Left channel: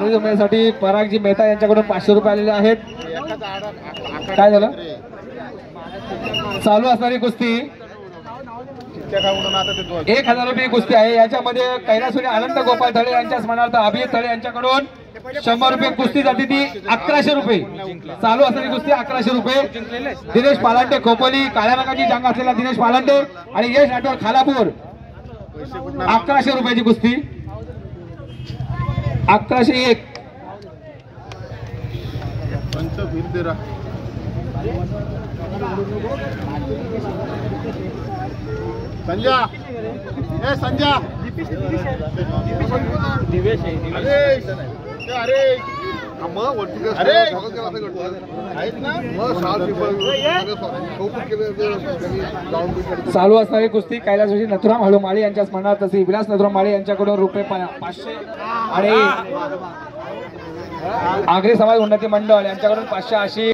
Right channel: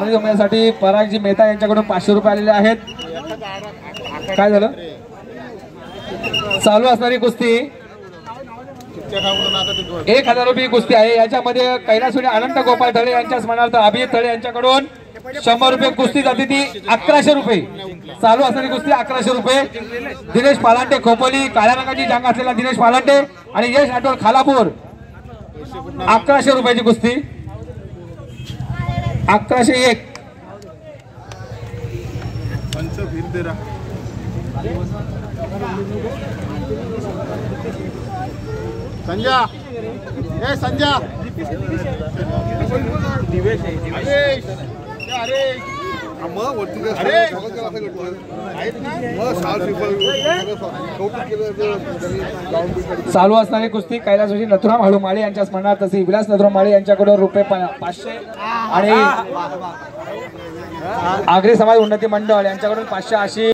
जमण्यासाठी परागजी मेहता यांच्याकडून 500 रुपये आलेले आहेत। काय झालं? चालू असणारी कुस्ती 1000 रुपये कुस्ती आहे। याच्यामध्ये कैलासवाडी आनंद गोपाळ तळे यांच्या स्मरणार्थ अभिजित तळे यांच्याकडून 100 रुपये कुस्ती जाते ती 1100 रुपये। चालू असणारी कुस्ती 1100 रुपये। दिनेश पालांडे खोपोली काळ्या रंगाची जांग असलेला दिनेश पालांडे आणि यश राठोड खालापूर 1100 रुपयाची कुस्ती। 1101 संजय ए संजय दिवेश अरे चालू असणारी कुस्ती कैलासवासी नथुराम हळूमाळे यांच्या स्मरणार्थ श्री विलास नथुराम माळे यांच्याकडून रुपये 500 आणि आगरी समाज उन्नती मंडळ यांच्याकडून 580